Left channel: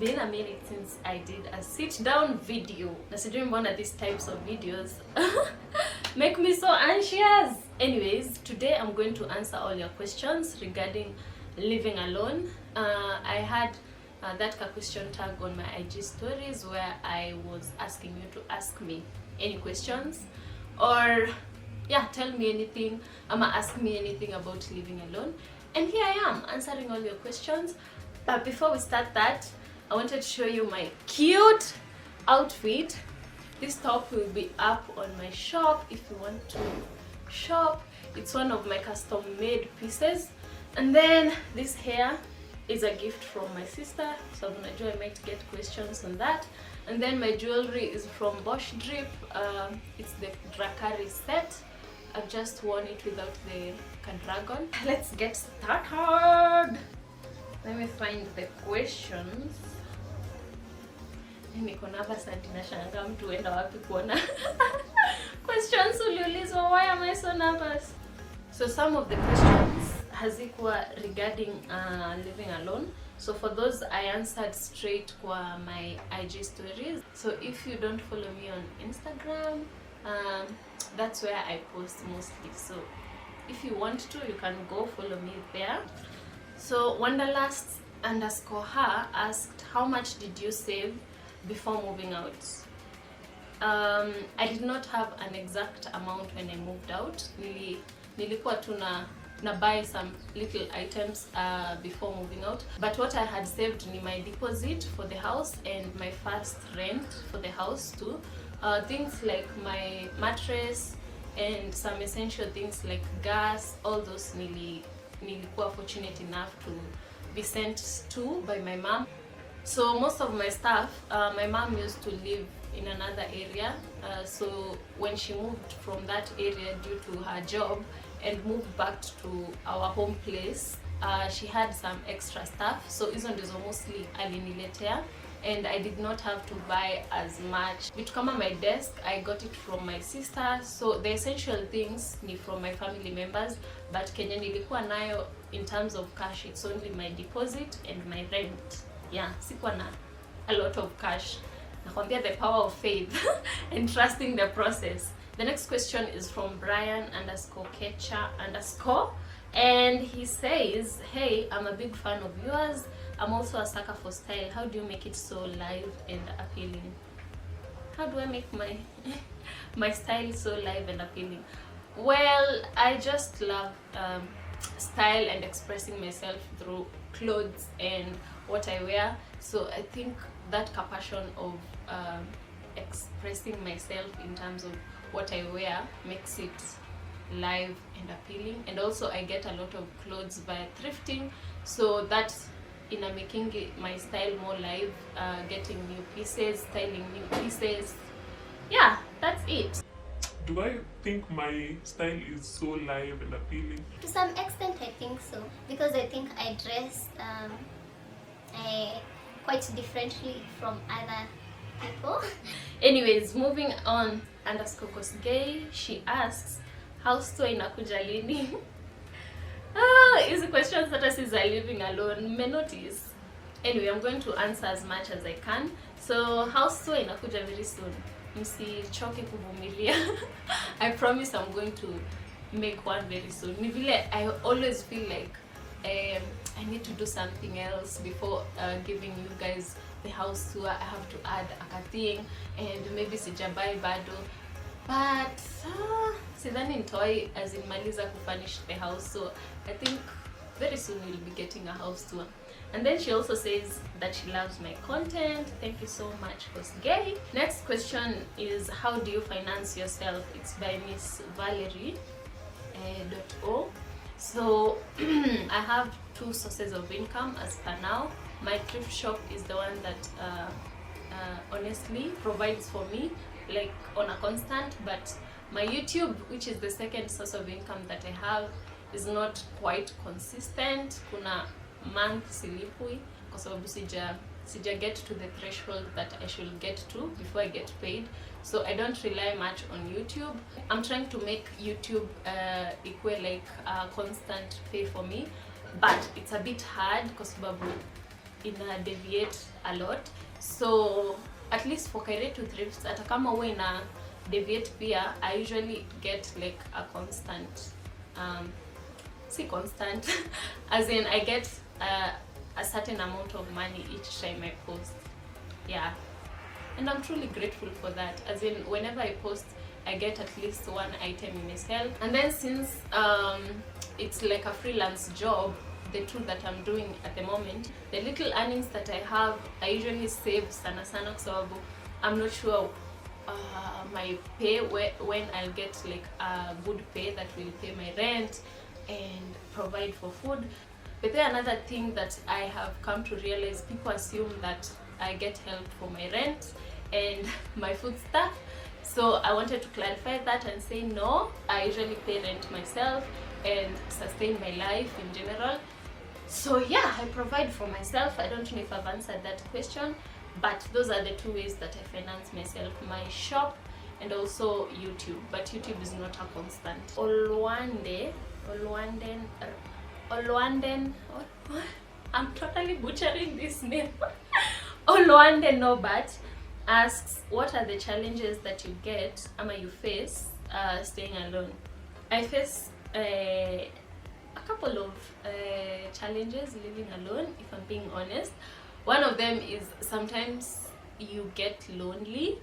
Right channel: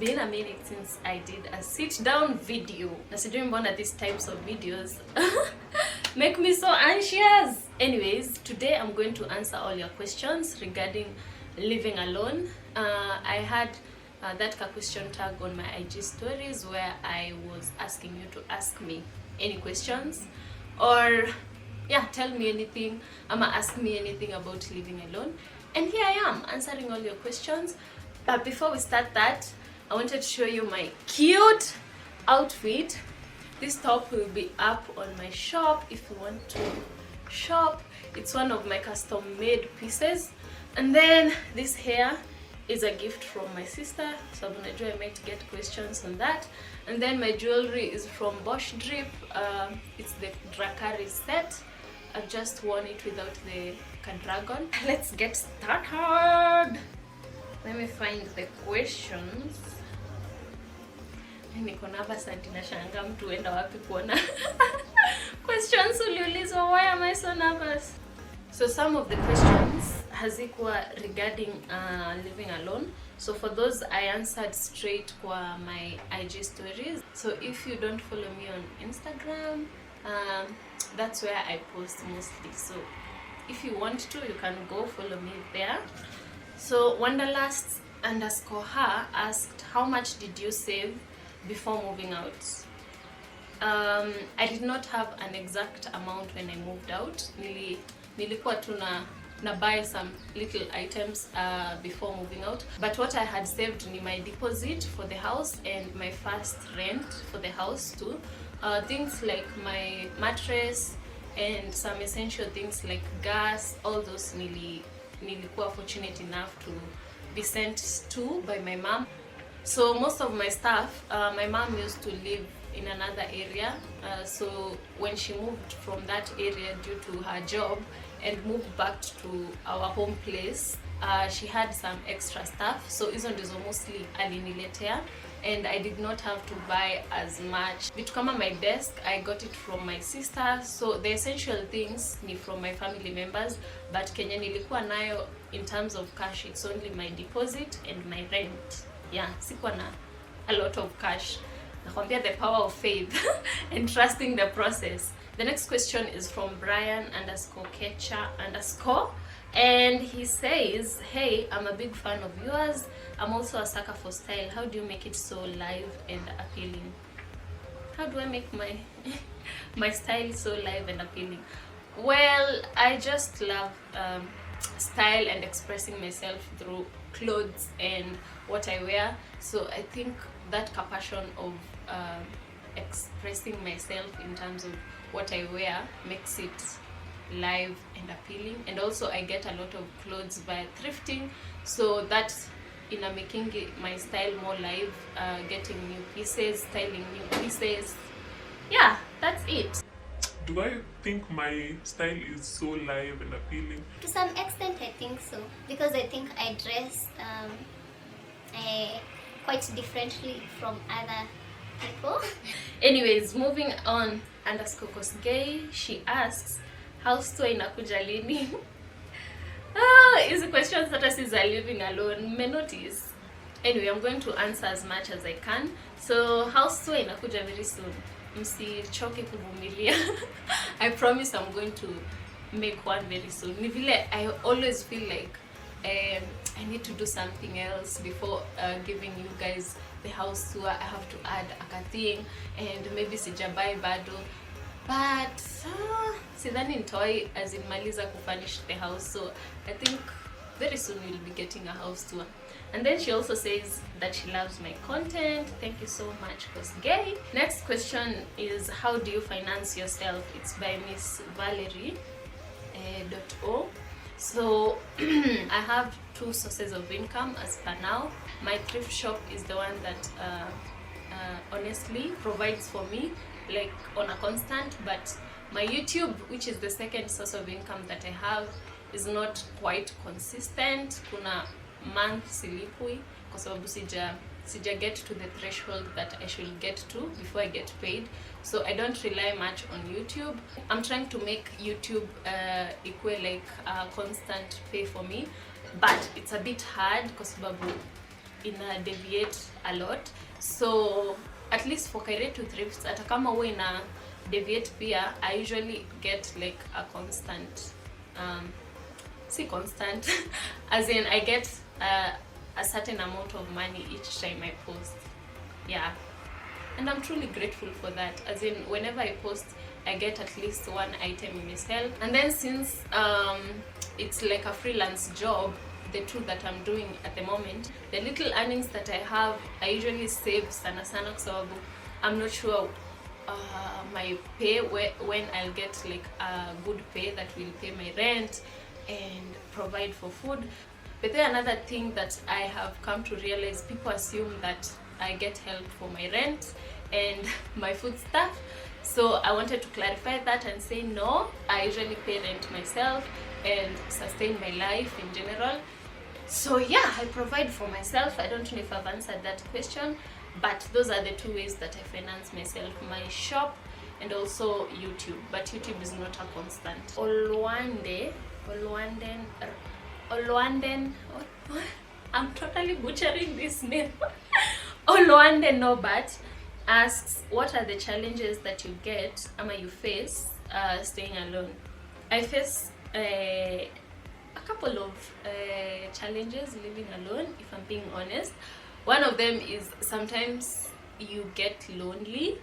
been a minute since I did a sit down video. Na sijui mbona these types of videos make me so anxious. Anyways, today I'm going to answer all your questions regarding living alone. I had that question tag on my IG stories where I was asking you to ask me any questions, or yeah, tell me anything, ask me anything about living alone. And here I am answering all your questions. But before we start that, I wanted to show you my cute outfit. This top will be up on my shop if you want to shop. It's one of my custom made pieces. And then this hair is a gift from my sister, so I'm gonna try to get questions on that. And then my jewelry is from Bosch Drip. It's the Drakari set. I've just worn it without the dragon. Let's get started. Let me find the questions. Niko nervous na ninashangaa mtu enda wapi kuona questions uliulizwa. Why am I so nervous? So some of the questions hazikuwa regarding living alone. So for those I answered straight kwa my IG stories. So if you don't follow me on Instagram, that's where I post mostly. So if you want to, you can go follow me there. So Wanderlust_her asked, how much did you save before moving out? I did not have an exact amount when I moved out. Nilikuwa tu na buy some little items before moving out. But what I had saved ni my deposit for the house and my first rent for the house too. Things like my mattress and some essential things like gas, all those nilikuwa fortunate enough to be sent to by my mom. So most of my stuff, my mom used to live in another area. So when she moved from that area due to her job and moved back to our home place, she had some extra stuff. So hizo ndizo mostly aliniletea, and I did not have to buy as much. Vitu kama my desk, I got it from my sister. So the essential things ni from my family members, but kenye nilikuwa nayo in terms of cash, it's only my deposit and my rent. Yeah, sikuwa na a lot of cash. Nakwambia the power of faith and trusting the process. The next question is from Brian_Kecha_, and he says, hey, I'm a big fan of yours. I'm also a sucker for style. How do you make it so live and appealing? How do I make my style so live and appealing? Well, I just love style and expressing myself through clothes and what I wear. So I think that passion of expressing myself in terms of what I wear makes it live and appealing. And also I get a lot of clothes by thrifting, so that's making my style more live, getting new pieces, styling new pieces. Yeah, that's it. Do I think my style is so live and appealing? To some extent I think so, because I think I dress quite differently from other people. Anyways, moving on, _Kosgei, she asks, house tour inakuja lini? Easy questions that is living alone, may notice. Anyway, I'm going to answer as much as I can. So house tour inakuja very soon. Msichoke kuvumilia. I promise I'm going to make one very soon. Ni vile I always feel like I need to do something else before giving you guys the house tour. I have to add a thing, and maybe sijabai bado, but sidhani nitawai as in maliza kufurnish the house. So I think very soon we'll be getting a house tour. And then she also says that she loves my content. Thank you so much, Kosgei. Next question is, how do you finance yourself? It's by Miss Valerie .o. So I have two sources of income as per now. My thrift shop is the one that honestly provides for me like on a constant, but my YouTube, which is the second source of income that I have, is not quite consistent. Kuna month silipui kwa sababu sija get to the threshold that I should get to before I get paid. So I don't rely much on YouTube. I'm trying to make YouTube equal like constant pay for me, but it's a bit hard kwa sababu deviate a lot, so at least for career to thrift, hata kama huwa ina deviate pia, I usually get like a constant constant as in I get a certain amount of money each time I post. Yeah, and I'm truly grateful for that, as in whenever I post I get at least one item in a sale. And then since it's like a freelance job, the two that I'm doing at the moment, the little earnings that I have I usually save sana sana kwa sababu I'm not sure my pay when I'll get like a good pay that will pay my rent and provide for food. But then another thing that I have come to realize, people assume that I get help for my rent and my food stuff. So I wanted to clarify that and say no, I usually pay rent myself and sustain my life in general. So yeah, I provide for myself. I don't know if I've answered that question, but those are the two ways that I finance myself: my shop and also YouTube. But YouTube is not a constant. Olwanden, I'm totally butchering this name. Olwande Nobat asks, what are the challenges that you get you face staying alone? I face a couple of challenges living alone, if I'm being honest. One of them is sometimes you get lonely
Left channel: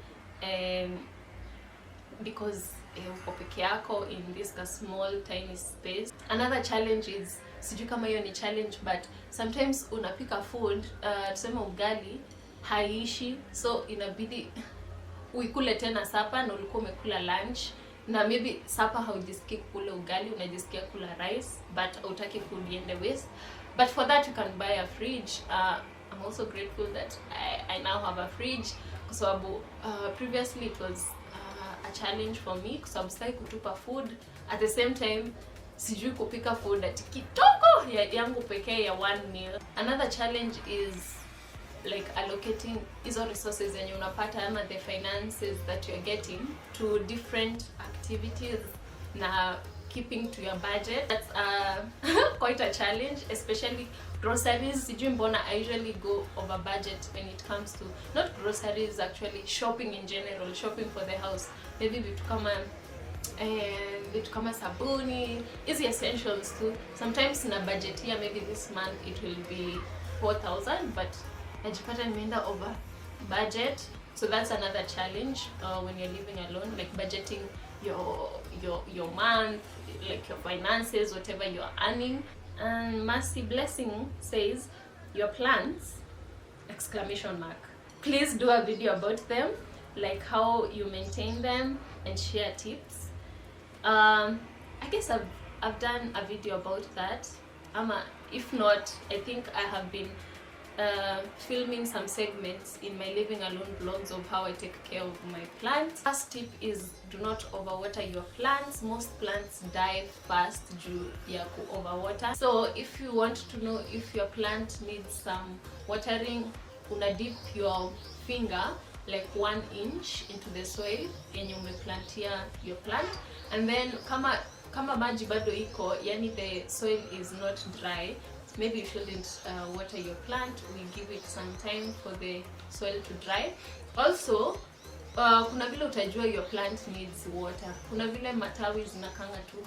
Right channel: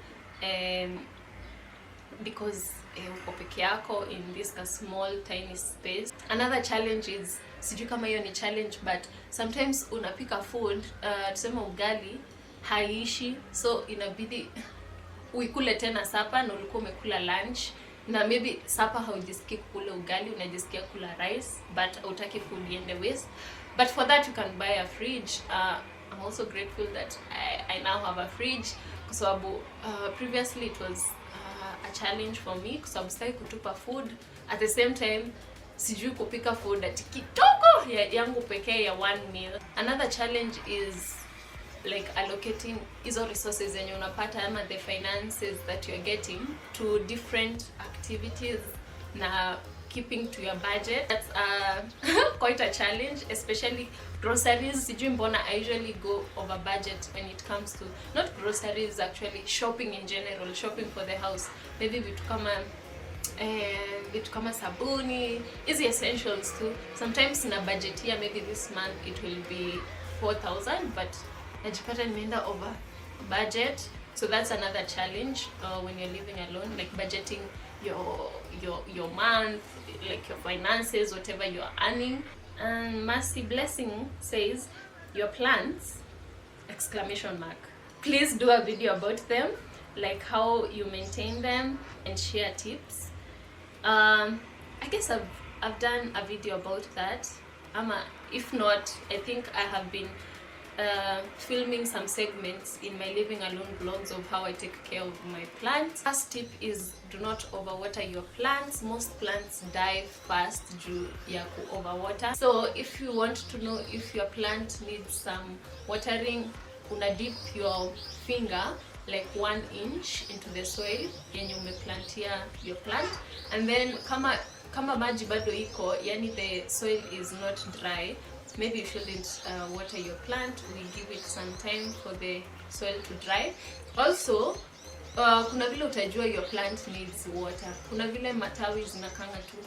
because uko peke yako in this small tiny space. Another challenge is, sijui kama hiyo ni challenge, but sometimes unapika food, tuseme ugali haishi, so inabidi uikule tena sapa na ulikuwa umekula lunch, na maybe sapa haujisikii kula ugali, unajisikia kula rice, but hautaki food iende waste. But for that you can buy a fridge. I'm also grateful that I now have a fridge, kwa sababu previously it was a challenge for me kwa sababu sitaki kutupa food. At the same time sijui kupika food ati kidogo yangu pekee ya one meal. Another challenge is like allocating hizo resources zenye unapata ama the finances that you're getting to different activities na keeping to your budget. That's quite a challenge, especially groceries. Sijui mbona I usually go over budget when it comes to, not groceries actually, shopping in general, shopping for the house. Maybe vitu kama sabuni, easy essentials too. Sometimes na budget here, maybe this month it will be 4,000, but najipata nimeenda over budget. So that's another challenge when you're living alone, like budgeting your month, like your finances, whatever you're earning. And Mercy Blessing says, your plants, exclamation mark. Please do a video about them, like how you maintain them and share tips. I guess I've done a video about that. If not, I think I have been filming some segments in my living alone vlogs of how I take care of my plants. First tip is, do not overwater your plants. Most plants die fast due to overwater. So if you want to know if your plant needs some watering, una dip your finger like 1 inch into the soil and you plant here your plant, and then kama maji bado iko, yani the soil is not dry, maybe you shouldn't water your plant. We give it some time for the soil to dry. Also kuna vile utajua your plant needs water, kuna vile matawi zinakanga tu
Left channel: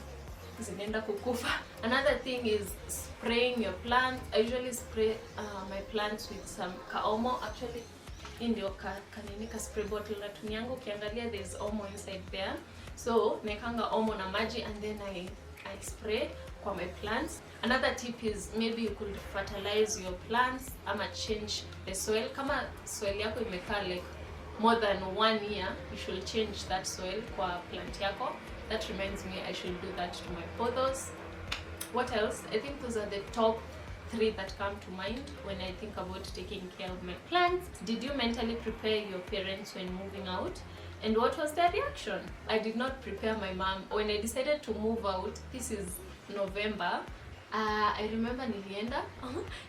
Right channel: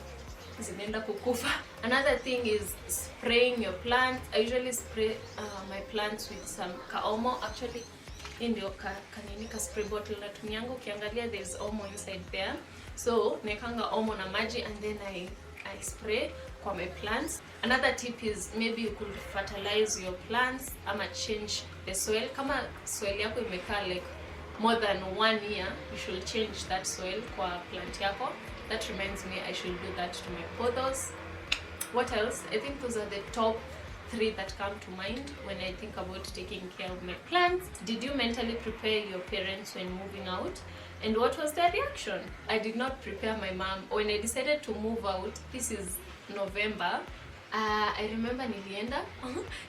zinaenda kukufa. Another thing is spraying your plants. I usually spray my plants with some Omo. Actually in the kanini spray bottle natumianga, ukiangalia there is Omo inside there. So nekanga Omo na maji and then I spray kwa my plants. Another tip is, maybe you could fertilize your plants ama change the soil. Kama soil yako imekaa like more than 1 year, you should change that soil kwa plant yako. That reminds me, I should do that to my pothos. What else? I think those are the top 3 that come to mind when I think about taking care of my plants. Did you mentally prepare your parents when moving out? And what was their reaction? I did not prepare my mom. When I decided to move out, this is November, I remember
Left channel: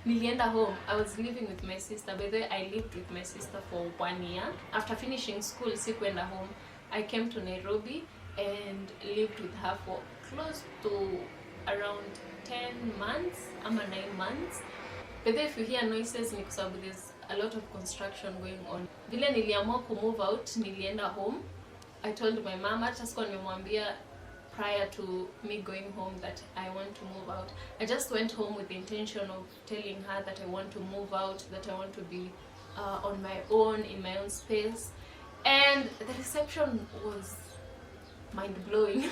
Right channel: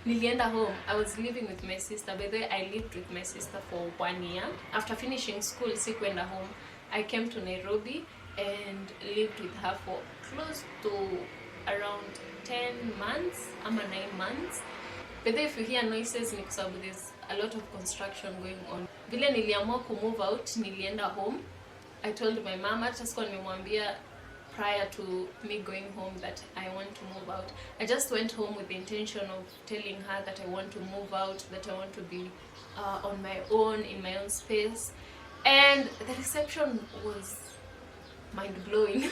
nilienda home. I was living with my sister. By the way, I lived with my sister for 1 year. After finishing school, sikuenda home. I came to Nairobi and lived with her for close to around 10 months, 9 months. But then if you hear noises, there's a lot of construction going on. Vile niliamua ku move out, nilienda home. I told my mom, hata sikuwa nimemwambia prior to me going home that I want to move out. I just went home with the intention of telling her that I want to move out, that I want to be on my own, in my own space. And the reception was mind-blowing,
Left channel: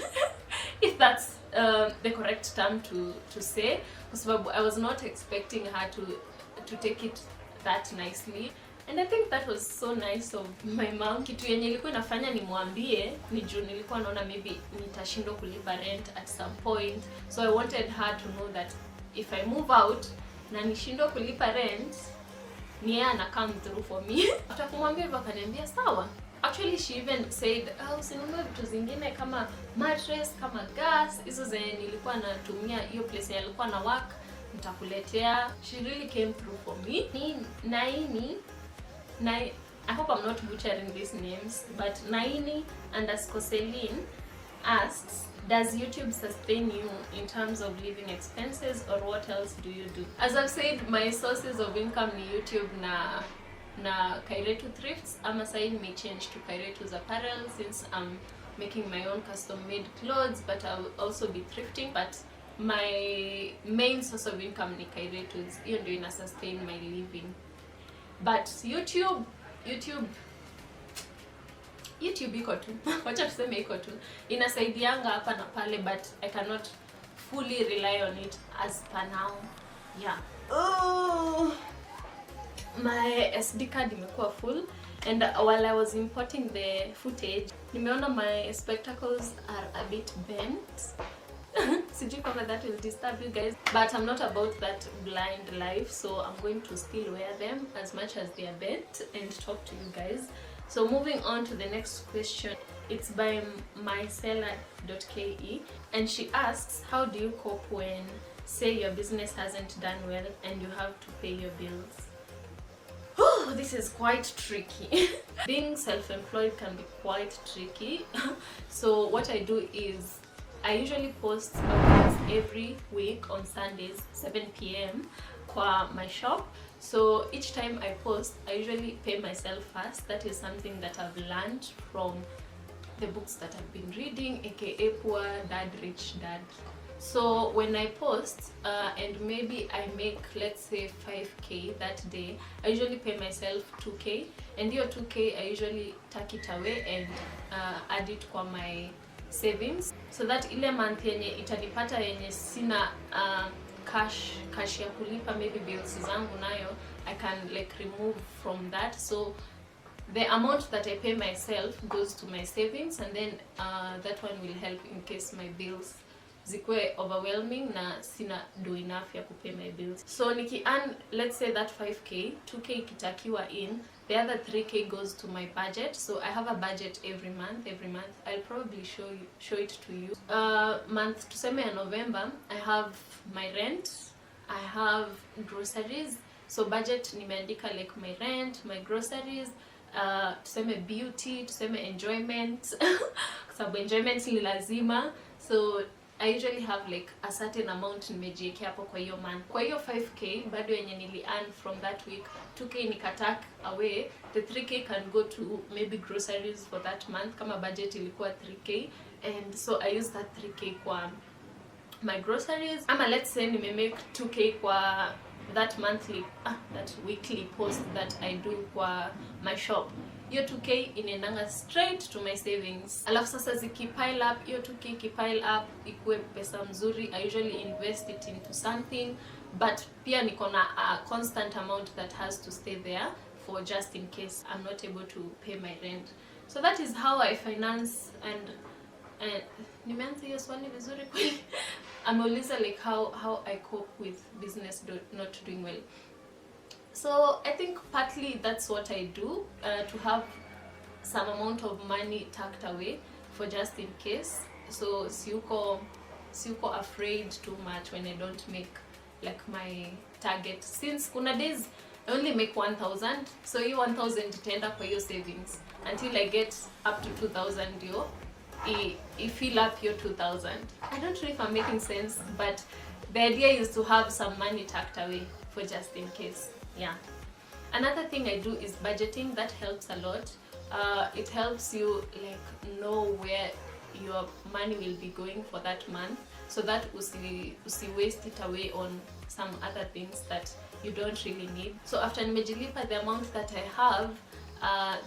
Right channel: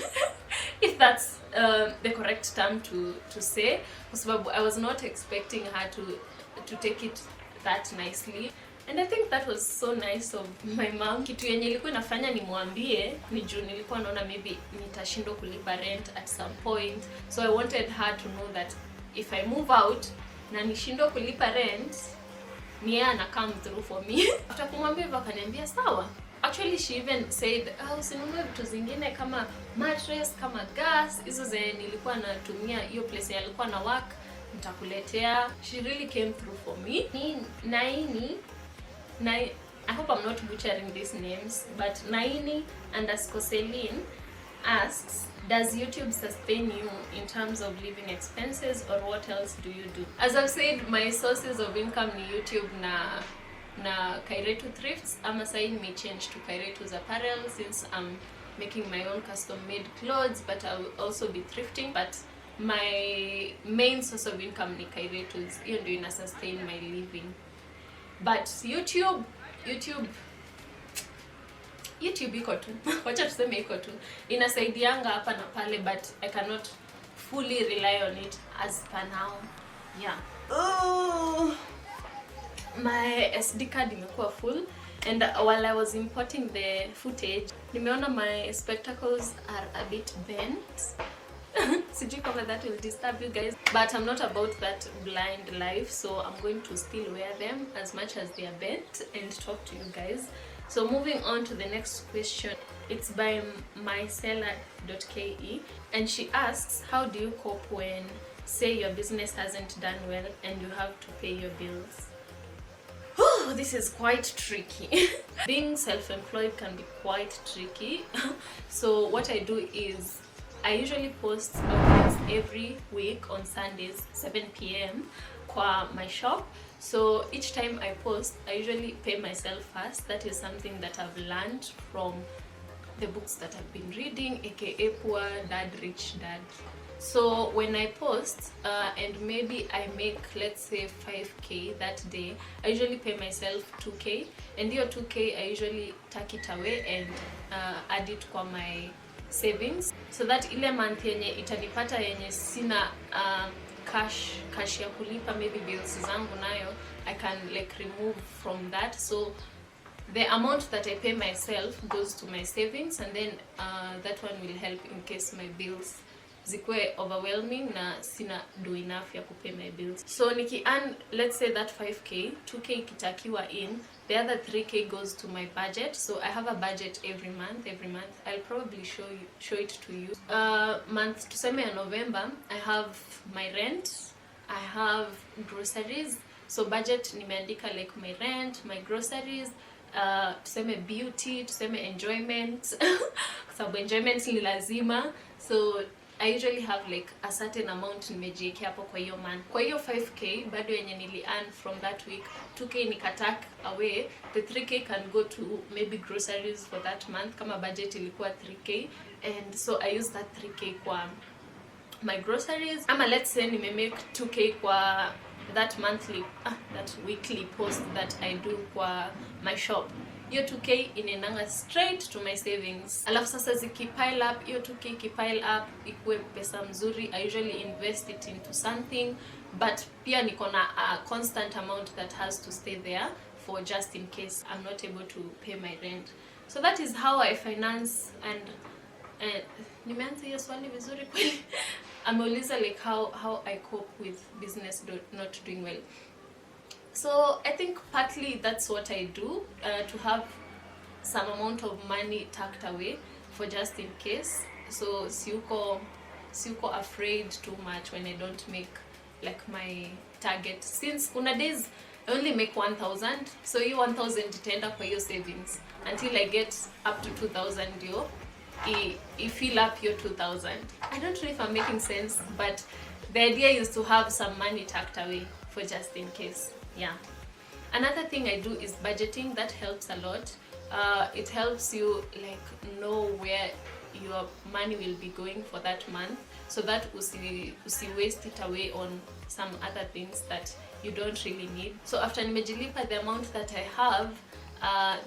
if that's the correct term to say, because I was not expecting her to take it that nicely. And I think that was so nice of my mom. Kitu yenye ilikuwa inafanya nimwambie ni juu nilikuwa naona maybe nitashindwa kulipa rent at some point. So I wanted her to know that if I move out na nishindwa kulipa rent, ni yeye ana come through for me. After kumwambia hivyo akaniambia sawa. Actually she even said, usinunue vitu zingine kama mattress, kama gas, hizo zenye nilikuwa natumia hiyo place ya nilikuwa na work, nitakuletea. She really came through for me. I hope I'm not butchering these names, but Naini_Celine asks, does YouTube sustain you in terms of living expenses, or what else do you do? As I've said, my sources of income ni YouTube na Kairetu Thrifts. Ama sai may change to Kairetu's Apparel since I'm making my own custom made clothes, but I will also be thrifting. But my main source of income ni Kairetu's. Hiyo ndio ina sustain my living. But YouTube iko tu. Wacha tuseme iko tu. Inasaidianga hapa na pale, but I cannot fully rely on it as per now. Yeah. Oh, my SD card imekuwa full, and while I was importing the footage, nimeona my spectacles are a bit bent. Sijui kama that will disturb you guys, but I'm not about that blind life, so I'm going to still wear them as much as they are bent and talk to you guys. So moving on to the next question, it's by myseller.ke, and she asks, how do you cope when, say, your business hasn't done well and you have to pay your bills? Oh, this is quite tricky. Being self-employed can be quite tricky. So what I do is I usually post every week on Sundays 7 p.m. kwa my shop. So each time I post, I usually pay myself first. That is something that I've learned from the books that I've been reading, aka Poor Dad, Rich Dad. So when I post and maybe I make, let's say, 5k that day, I usually pay myself 2k, and your 2k I usually tuck it away and add it kwa my savings, so that ile month yenye itanipata yenye sina cash ya kulipa maybe bills zangu nayo, I can like remove from that. So the amount that I pay myself goes to my savings, and then that one will help in case my bills zikwe overwhelming na sina do enough ya kupay my bills. So niki earn, let's say that 5k, 2k ikitakiwa in, the other 3k goes to my budget. So I have a budget every month. I'll probably show it to you. Month tuseme ya November, I have my rent, I have groceries. So budget nimeandika like my rent, my groceries, tuseme beauty, tuseme enjoyment, kwa sababu enjoyment ni lazima. So I usually have like a certain amount nimejiwekea hapo kwa hiyo month. Kwa hiyo 5k bado yenye nili earn from that week, 2k nikatak away, the 3k can go to maybe groceries for that month kama budget ilikuwa 3k, and so I use that 3k kwa my groceries. Ama let's say nime make 2k kwa that weekly post that I do kwa my shop. Hiyo 2k inaendanga straight to my savings. Alafu sasa zikipile up, hiyo 2k ikipile up ikuwe pesa mzuri, I usually invest it into something, but pia niko na a constant amount that has to stay there for just in case I'm not able to pay my rent. So that is how I finance. And nimeanza hiyo swali vizuri kweli. Ameuliza like how I cope with business not doing well. So I think partly that's what I do, to have some amount of money tucked away for just in case. So siuko afraid too much when I don't make like my target. Since kuna days I only make 1,000, so you 1,000 itaenda kwa your savings until I get up to 2,000 yo. I fill up your 2,000. I don't know if I'm making sense, but the idea is to have some money tucked away for just in case. Yeah. Another thing I do is budgeting. That helps a lot. It helps you like know where your money will be going for that month, so that usi waste it away on some other things that you don't really need. So after nimejilipa the amount that I have,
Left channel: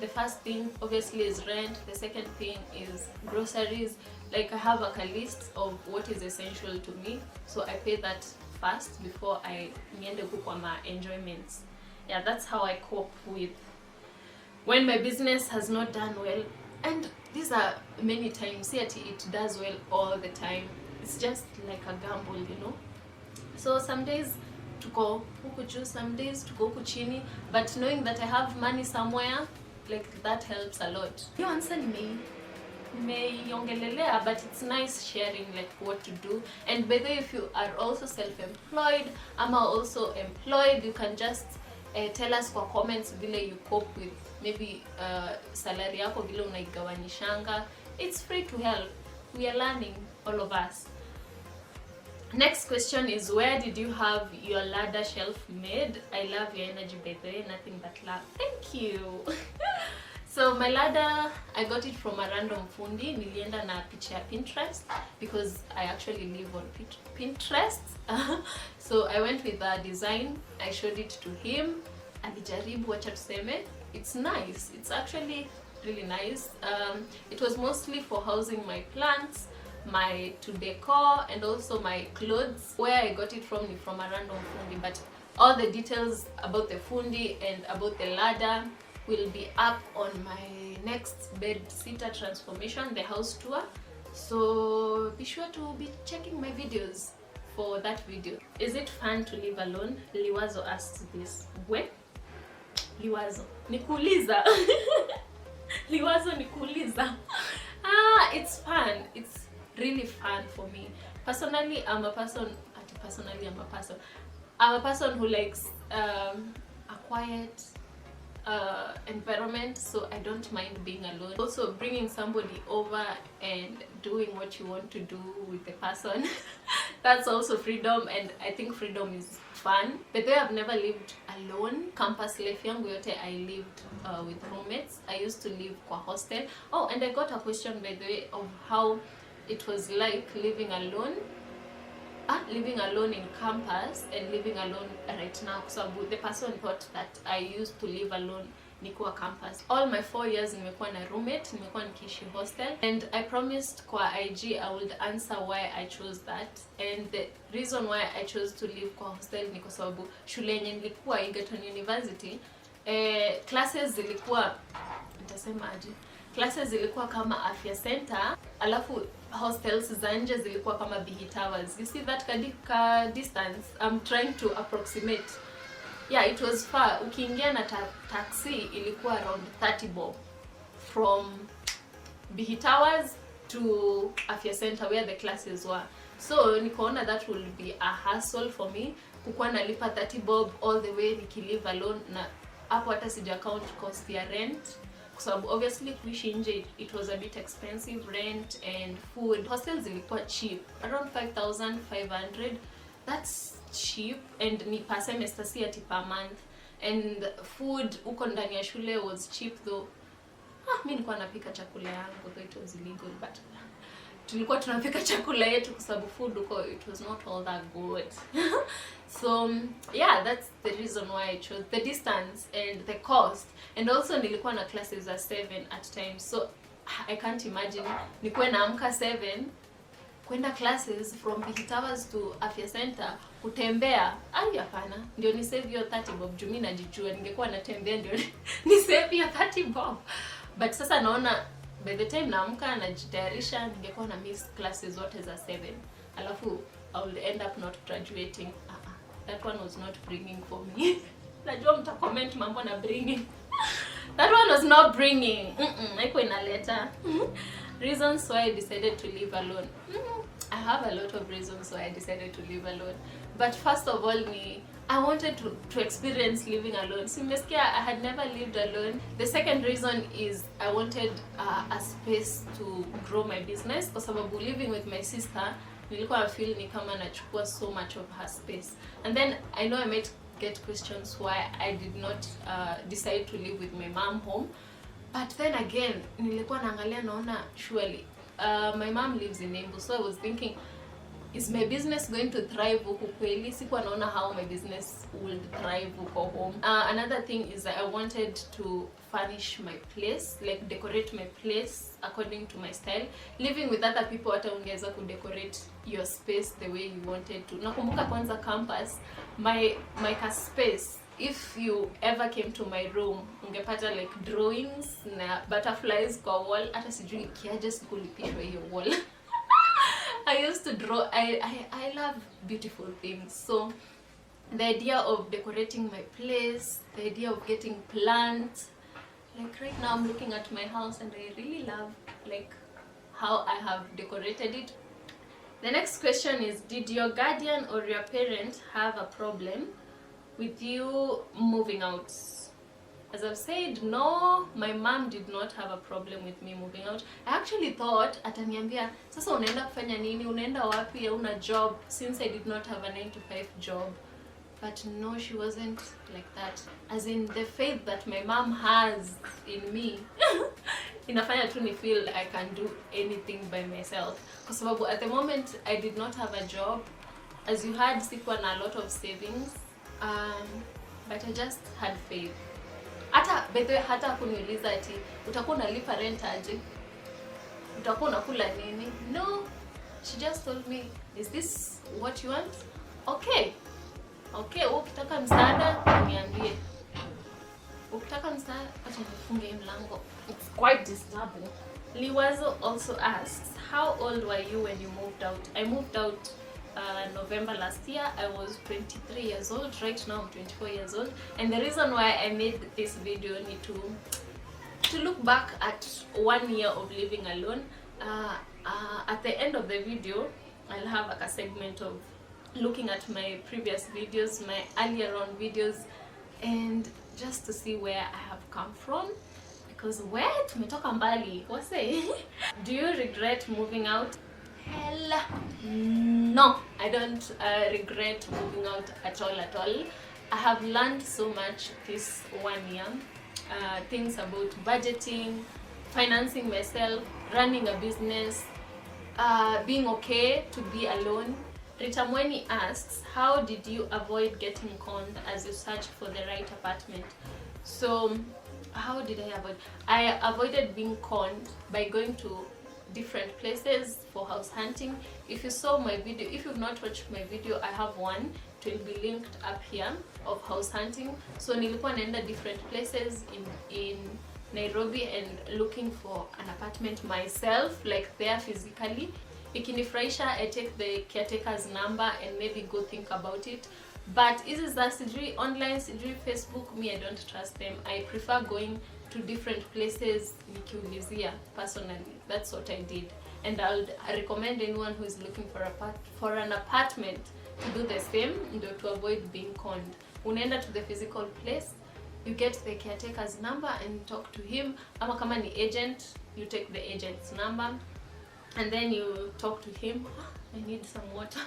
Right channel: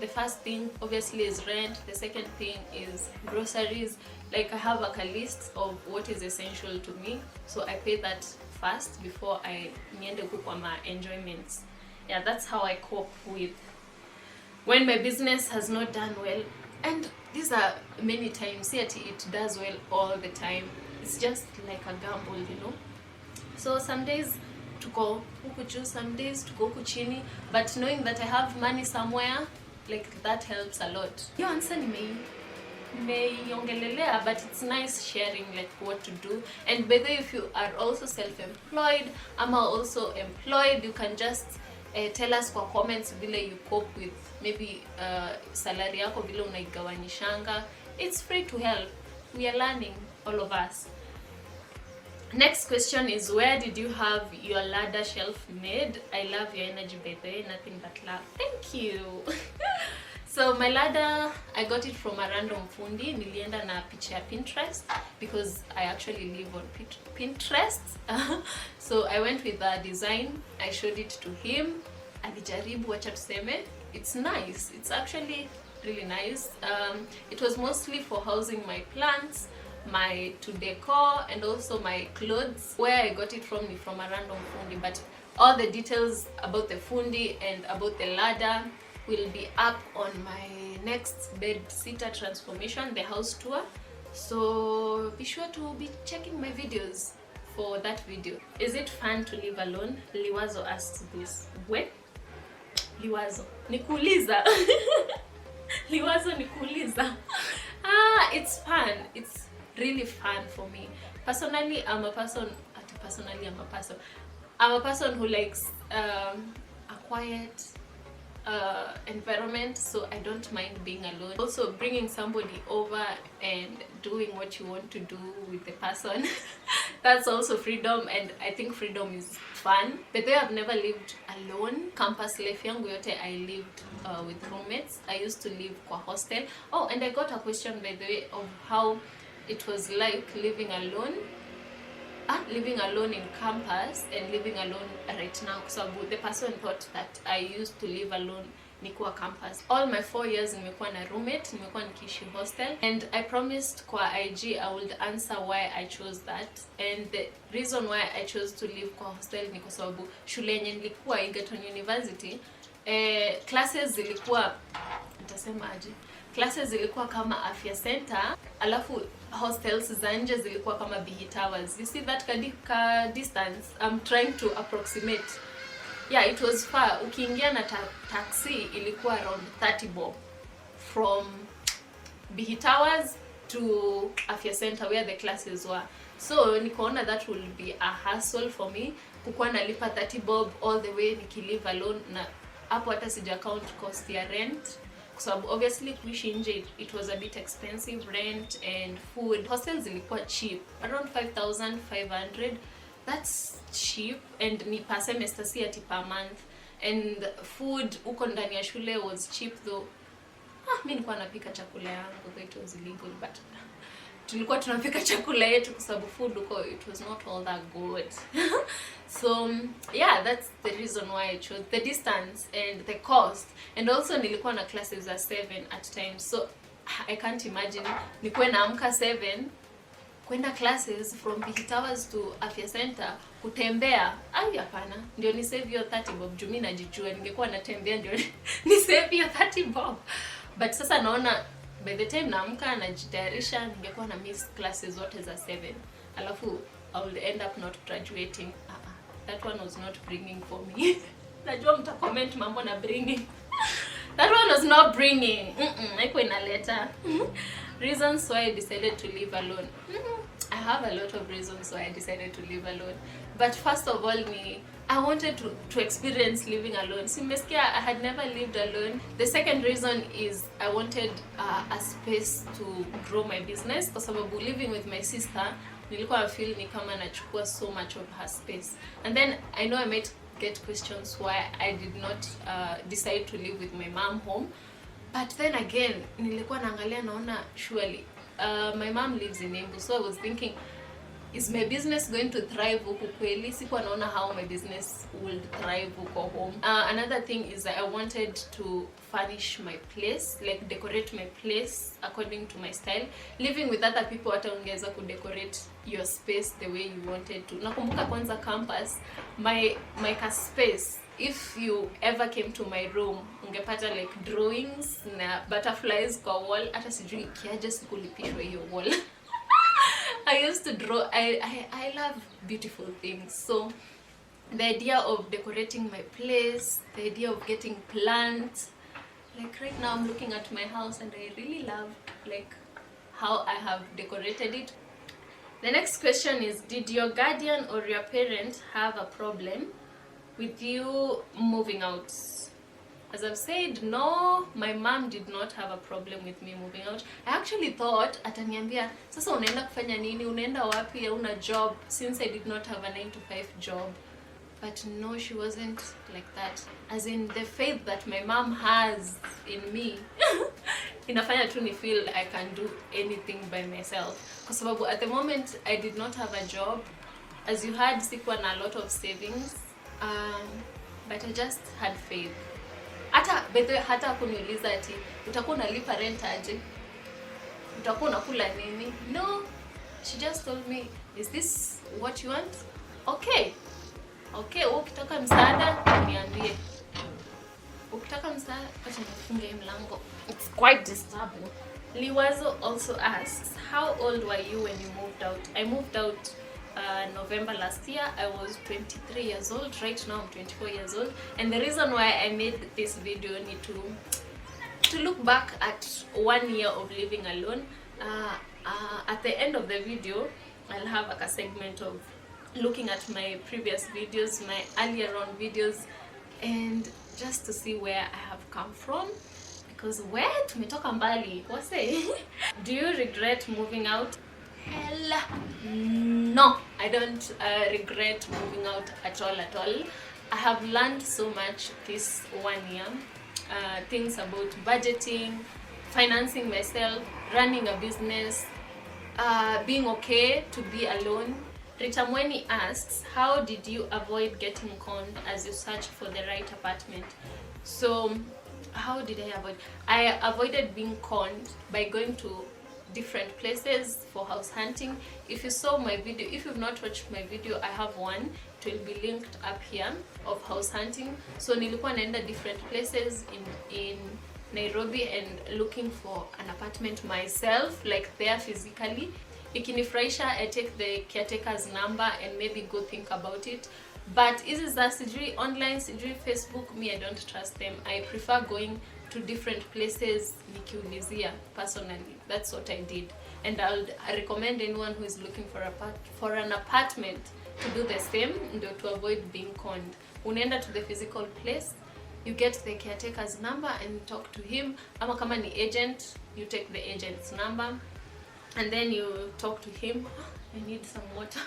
the first thing obviously is rent. The second thing is groceries. Like I have like a list of what is essential to me, so I pay that first before I niende go on my enjoyments. Yeah, that's how I cope with when my business has not done well. And these are many times, yet it does well all the time. It's just like a gamble, you know. So some days to go huku juu, some days to go huku chini, but knowing that I have money somewhere, like that helps a lot. You answer me. But it's nice sharing like what to do. And whether if you are also self-employed, I'm also employed, you can just tell us for comments vile you cope with maybe salary yako vile unaigawanyishanga. It's free to help. We are learning, all of us. Next question is, where did you have your ladder shelf made? I love your energy, baby. Nothing but love. Thank you. So my ladder, I got it from a random fundi. Nilienda na picha ya Pinterest because I actually live on Pinterest. So I went with the design. I showed it to him. Alijaribu, wacha tuseme. It's nice. It's actually really nice. It was mostly for housing my plants, my decor, and also my clothes. Where I got it from is from a random fundi, but all the details about the fundi and about the ladder will be up on my next bed sitter transformation, the house tour. So be sure to be checking my videos for that video. Is it fun to live alone? Liwazo asked this. When? Liwazo nikuuliza. Liwazo nikuuliza. It's fun. It's really fun for me. Personally, I'm a person who likes a quiet environment, so I don't mind being alone. Also, bringing somebody over and doing what you want to do with the person, that's also freedom, and I think freedom is fun. But though I've never lived alone, campus life yangu yote I lived with roommates. I used to live kwa hostel. Oh, and I got a question by the way of how it was like living alone. Living alone in campus and living alone right now, because the person thought that I used to live alone nikiwa campus. All my 4 years nimekuwa na roommate, nimekuwa nikiishi hostel, and I promised kwa IG I would answer why I chose that. And the reason why I chose to live kwa hostel ni kwa sababu shule yenye nilikuwa Egerton University, classes zilikuwa kama afya center, alafu hostels za nje zilikuwa kama Towers. You see that distance? I'm trying to approximate. Yeah, it was far. Ukiingia na taxi ilikuwa around 30 bob from Bihi Towers to Afya Center where the classes were. So nikaona that will be a hassle for me kukuwa nalipa 30 bob all the way nikilive alone, na hapo hata sija count cost ya rent. So obviously kuishi nje it was a bit expensive, rent and food. Hostels ilikuwa cheap, around 5,500. That's cheap, and ni per semester, si ati per month. And food uko ndani ya shule was cheap though. Mimi nilikuwa napika chakula yangu, though it was illegal, but tulikuwa tunapika chakula yetu kwa sababu food uko it was not all that good. So yeah, that's the reason why I chose the distance and the cost. And also nilikuwa na classes at 7 at times, so I can't imagine nikuwe naamka 7 kwenda classes from Bihi Towers to Afya Center kutembea. Hapana, ndio ni save your 30 bob. Mimi najijua ningekuwa natembea ndio ni save your 30 bob. But sasa naona by the time naamka najitayarisha ningekuwa na miss classes zote za 7. Alafu I will end up not graduating. That one was not bringing for me. Najua mta comment mambo na bringing. That one was not bringing. Iko inaleta. Reasons why I decided to live alone. I have a lot of reasons why I decided to live alone. But first of all, I wanted to experience living alone. Simesikia, I had never lived alone. The second reason is I wanted a space to grow my business. Kwa sababu living with my sister, nilikuwa feel ni kama nachukua so much of her space. And then I know I met get questions why I did not decide to live with my mom home. But then again, nilikuwa naangalia naona surely my mom lives in Embu, so I was thinking, is my business going to thrive huku kweli? Sikuwa naona how my business will thrive huko home. Another thing is that I wanted to furnish my place, like decorate my place according to my style. Living with other people, hata ungeweza kudecorate your space the way you wanted to. Nakumbuka kwanza campus, my space, if you ever came to my room, ungepata like drawings na butterflies kwa wall. Hata sijui kiaje sikulipishwa hiyo wall. I used to draw. I love beautiful things. So the idea of decorating my place, the idea of getting plants, like right now I'm looking at my house and I really love like how I have decorated it. The next question is, did your guardian or your parent have a problem with you moving out? As I've said, no, my mom did not have a problem with me moving out. I actually thought ataniambia, sasa unaenda kufanya nini? Unaenda wapi? Una job? Since I did not have a 9-to-5 job. But no, she wasn't like that. As in, the faith that my mom has in me inafanya tu ni feel I can do anything by myself. Kwa sababu at the moment I did not have a job. As you heard, sikuwa na a lot of savings. But I just had faith. Hata bedwe hata kuniuliza ati utakuwa unalipa rent aje? Utakuwa unakula nini? No. She just told me, is this what you want? Okay. Okay, ukitaka msaada niambie. Ukitaka msaada acha nifunge mlango. It's quite disturbing. Liwazo also asks, how old were you when you moved out? I moved out November last year. I was 23 years old. Right now I'm 24 years old. And the reason why I made this video is to look back at 1 year of living alone. At the end of the video, I'll have a segment of looking at my previous videos, my earlier on videos, and just to see where I have come from. Because where tumetoka mbali, wase. Do you regret moving out? Hell no, I don't regret moving out at all. I have learned so much this 1 year. Things about budgeting, financing myself, running a business, being okay to be alone. Ritamweni asks, how did you avoid getting conned as you search for the right apartment? So, how did I avoid? I avoided being conned by going to different places for house hunting. If you saw my video, if you've not watched my video, I have one. It will be linked up here of house hunting. So nilikuwa naenda different places in Nairobi and looking for an apartment myself, like there physically. Ikinifurahisha, I take the caretaker's number and maybe go think about it. But is that sijui online, sijui Facebook, me I don't trust them. I prefer going to different places nikiulizia personally. That's what I did. And I recommend anyone who is looking for an apartment to do the same to avoid being conned. Unaenda to the physical place, you get the caretaker's number and talk to him. Ama kama ni agent, you take the agent's number and then you talk to him. I need some water.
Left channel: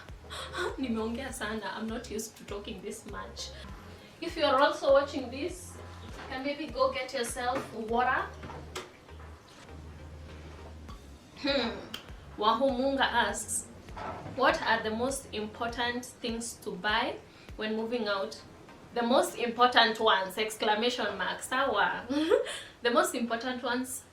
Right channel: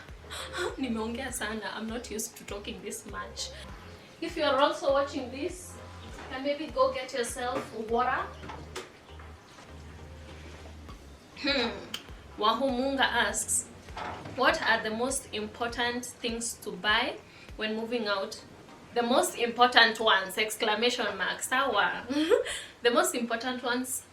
Nimeongea sana. I'm not used to talking this much. If you are also watching this, you can maybe go get yourself water. Wahumunga asks, what are the most important things to buy when moving out? The most important ones, exclamation mark, sawa. The most important ones,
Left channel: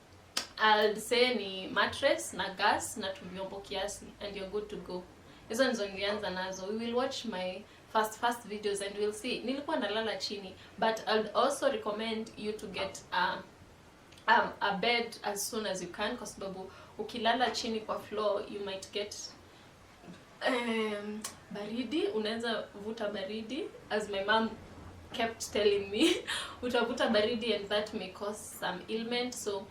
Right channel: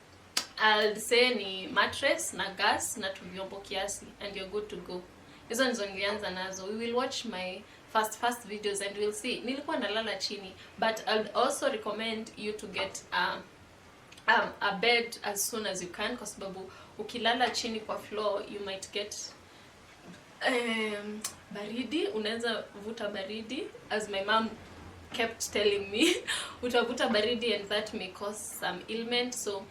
I'll say ni mattress, na gas, na tuvyombo kiasi, and you're good to go. Hizo ndizo nilianza nazo. We will watch my first videos and we'll see. Nilikuwa nalala chini, but I'd also recommend you to get a bed as soon as you can, kwa sababu ukilala chini kwa floor, you might get baridi. Unaweza vuta baridi, as my mom kept telling me. Utavuta baridi and that may cause some ailment. So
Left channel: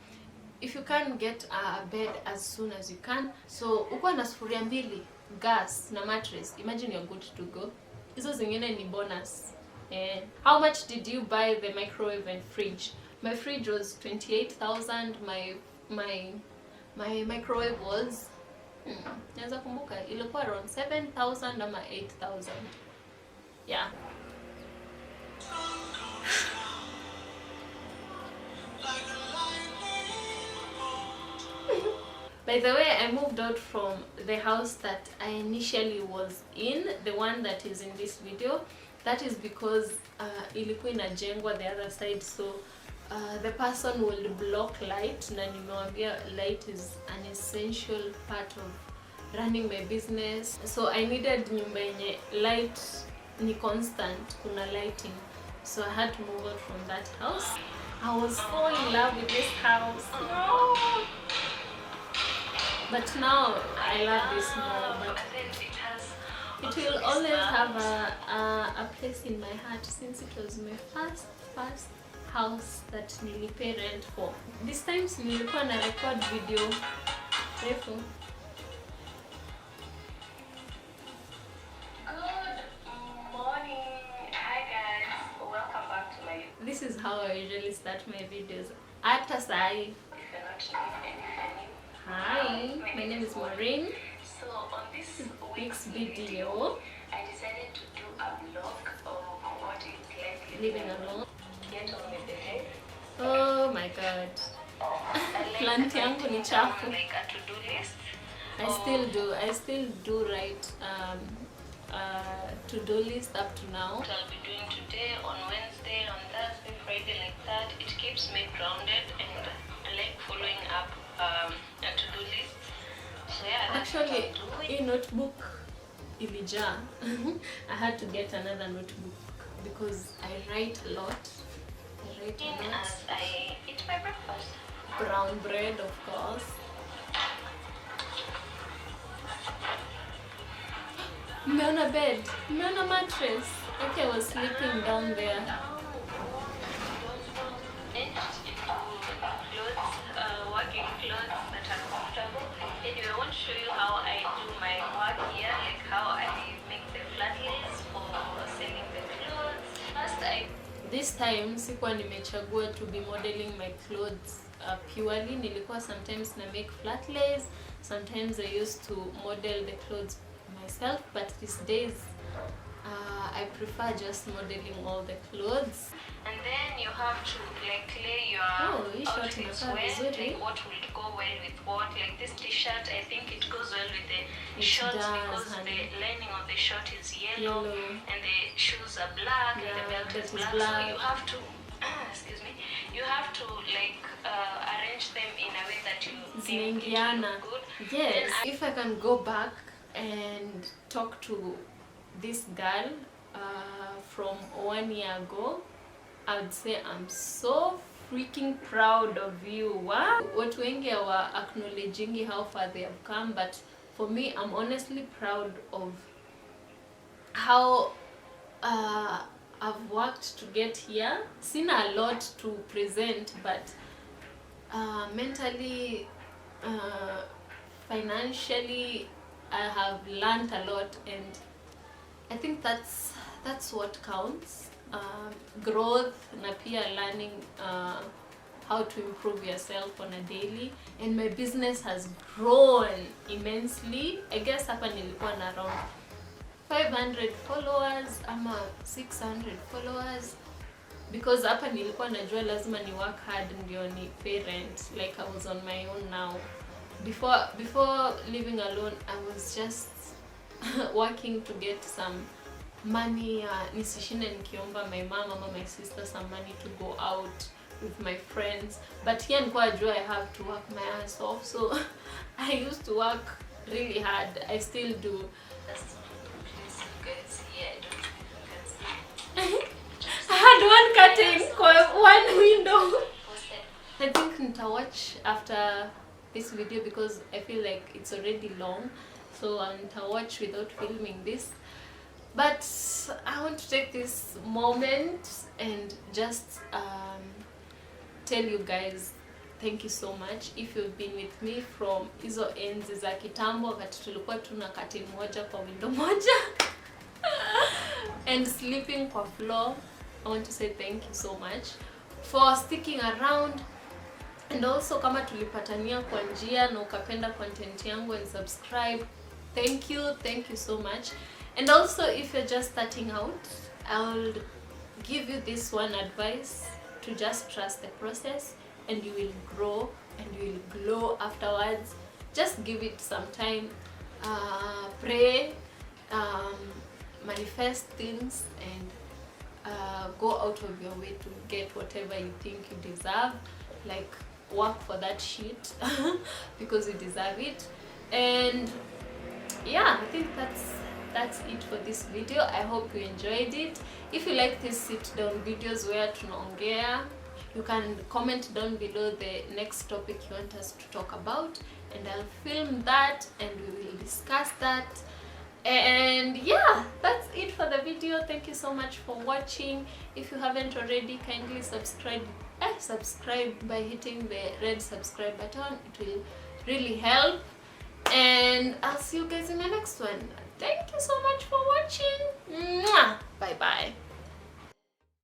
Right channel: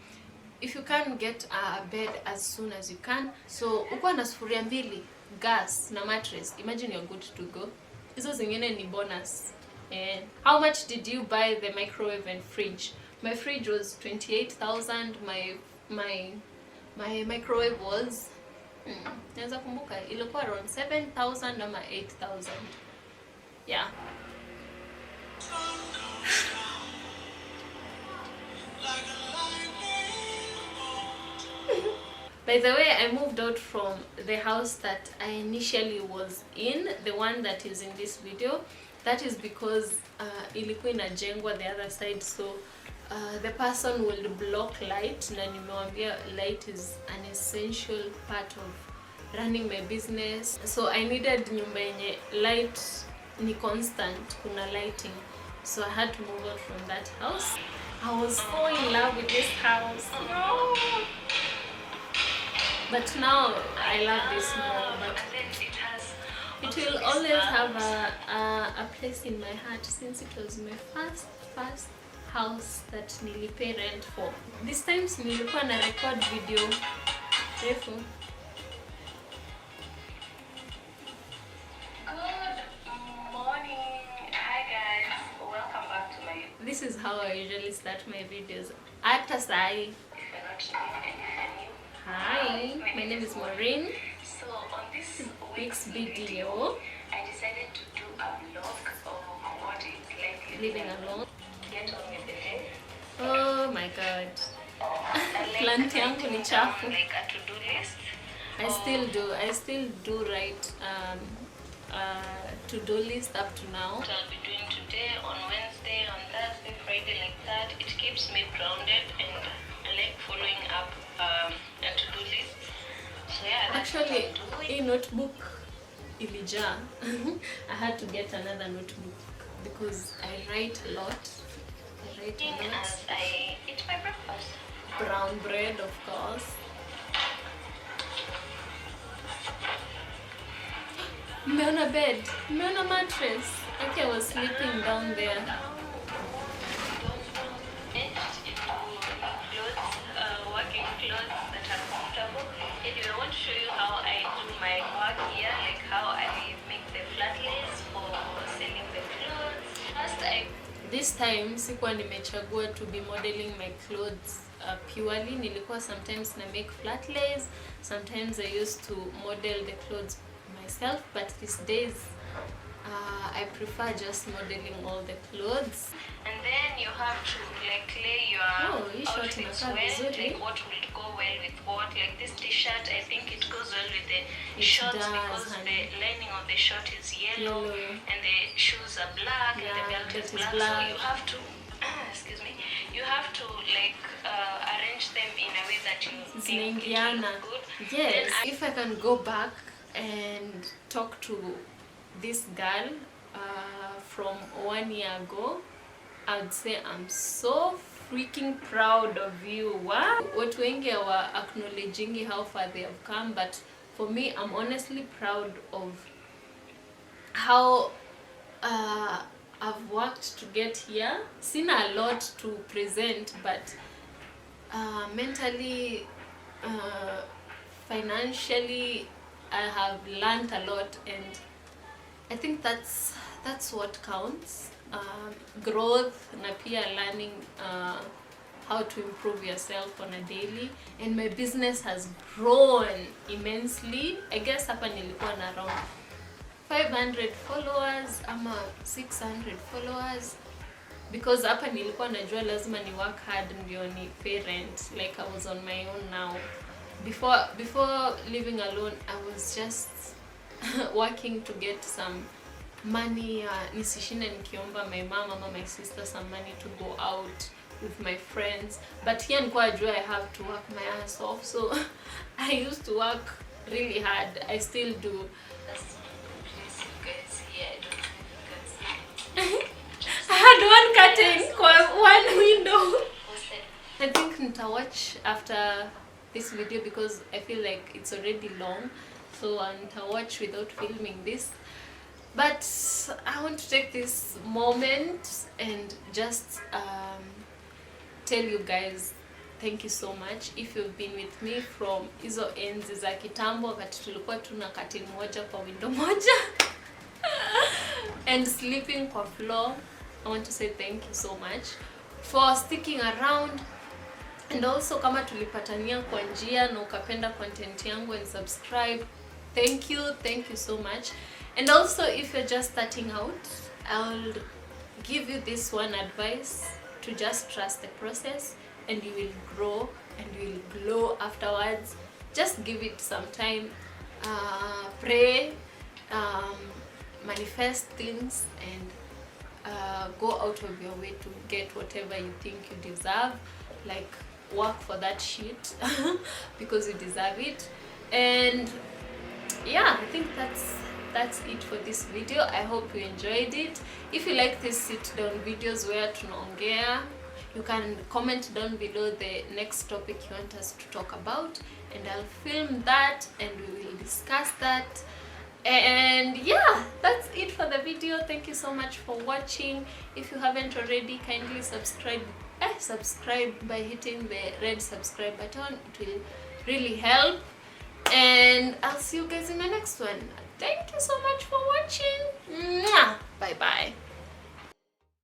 if you can get a bed as soon as you can. So uko na sufuria mbili, gas na mattress, imagine you're good to go. Hizo zingine ni bonus. How much did you buy the microwave and fridge? My fridge was 28,000. My microwave was naweza kumbuka ilikuwa around 7,000 ama 8,000. Yeah. By the way, I moved out from the house that I initially was in, the one that is in this video. That is because ilikuwa inajengwa the other side, so the person will block light, na nimewambia light is an essential part of running my business. So I needed nyumba yenye light ni constant, kuna lighting. So I had to move out from that house. I was so in love with this house. No. But now I love this more. But it will always have a place in my heart since it was my first house that nilipay rent for. This times nilikuwa na record video refu. This is how I usually start my videos. Hata sai. Hi, my name is Maureen. So on this week's video, I decided to do a vlog of what it's like living alone. Get on with the day. Oh my god. Plant yangu ni chafu. Like a to-do list. I still do write to-do list up to now. What I'll be doing today, on Wednesday, on Thursday, Friday, like that. It keeps me grounded and I like following up a to-do list. So yeah, that's actually what I'm doing. a notebook ilija. I had to get another notebook because I write a lot. As I eat my breakfast. Brown bread, of course. Mmeona bed, mmeona mattress. Okay, I was sleeping down there. Working clothes that are comfortable. Anyway, I want to show you how I do my work here, like how I make the flat lays for selling the clothes. First, This time sikuwa nimechagua to be modeling my clothes purely. Nilikuwa sometimes na make flat lays, sometimes I used to model the clothes myself, but these days I prefer just modeling all the clothes. And then you have to like lay your outfits well, like what will go well with what. Like this t-shirt, I think it goes well with the shorts because the lining of the shirt is yellow and the shoes are black and the belt is black. So you have to, excuse me, you have to like arrange them in a way that you think it will look good. Yes, if I can go back and talk to this girl from 1 year ago, I would say I'm so freaking proud of you. Wow. Watu wengi wa acknowledging how far they have come, but for me, I'm honestly proud of how I've worked to get here. Seen a lot to present, but mentally, financially, I have learned a lot, and I think that's what counts. Growth na pia learning how to improve yourself on a daily, and my business has grown immensely. I guess hapa nilikuwa na around 500 followers ama 600 followers, because hapa nilikuwa najua lazima ni work hard ndio ni parent, like I was on my own now. Before living alone, I was just working to get some money, nisishinde nikiomba my mom or my sister some money to go out with my friends. But here nilikuwa najua I have to work my ass off, so I used to work really hard. I still do. I had one curtain for one window. I think nitawatch after this video because I feel like it's already long, so nitawatch without filming this. But I want to take this moment and just tell you guys thank you so much if you've been with me from hizo enzi za kitambo wakati tulikuwa tuna curtain moja kwa window moja and sleeping kwa floor. I want to say thank you so much for sticking around, and also kama tulipatania kwa njia na ukapenda content yangu and subscribe, thank you so much. And also if you're just starting out, I'll give you this one advice, to just trust the process and you will grow and you will glow afterwards. just give it some time, pray, manifest things, and go out of your way to get whatever you think you deserve. Like, work for that shit because you deserve it. And yeah, I think that's it for this video. I hope you enjoyed it. If you like these sit down videos where tunaongea, you can comment down below the next topic you want us to talk about, and I'll film that and we will discuss that. And yeah, that's it for the video. Thank you so much for watching. If you haven't already, kindly subscribe by hitting the red subscribe button. It will really help, and I'll see you guys in the next one. Thank you so much for watching. Bye bye.